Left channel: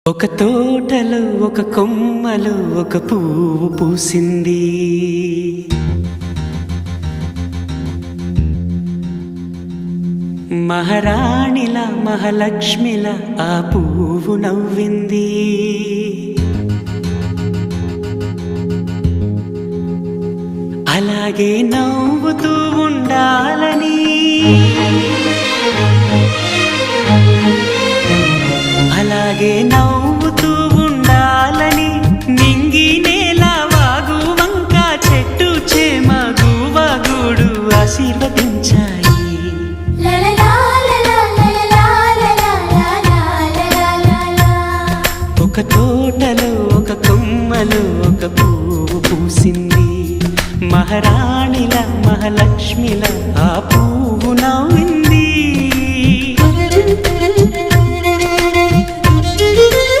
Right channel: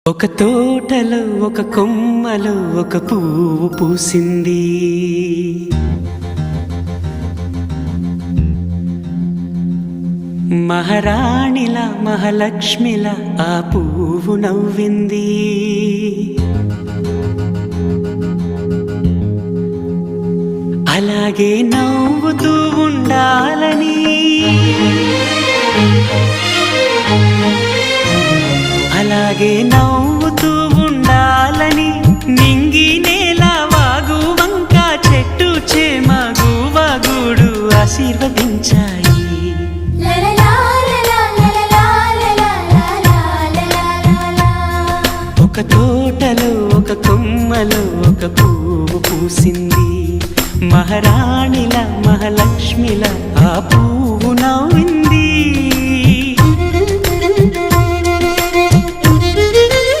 ఒక తోటలో ఒక కొమ్మలో ఒక పువ్వు పూసింది. మహారాణిలా మహాలక్ష్మిలా ఆ పువ్వు నవ్వింది. అలాగే నవ్వుతూ ఉండాలని, అలాగే నవ్వుతూ ఉండాలని నింగి నేల వాగు వంక చెట్టు చేమ గువగూడు ఆశీర్వదించాయి. ఒక తోటలో ఒక కొమ్మలో ఒక పువ్వు పూసింది. మహారాణిలా మహాలక్ష్మిలా ఆ పువ్వు నవ్వింది.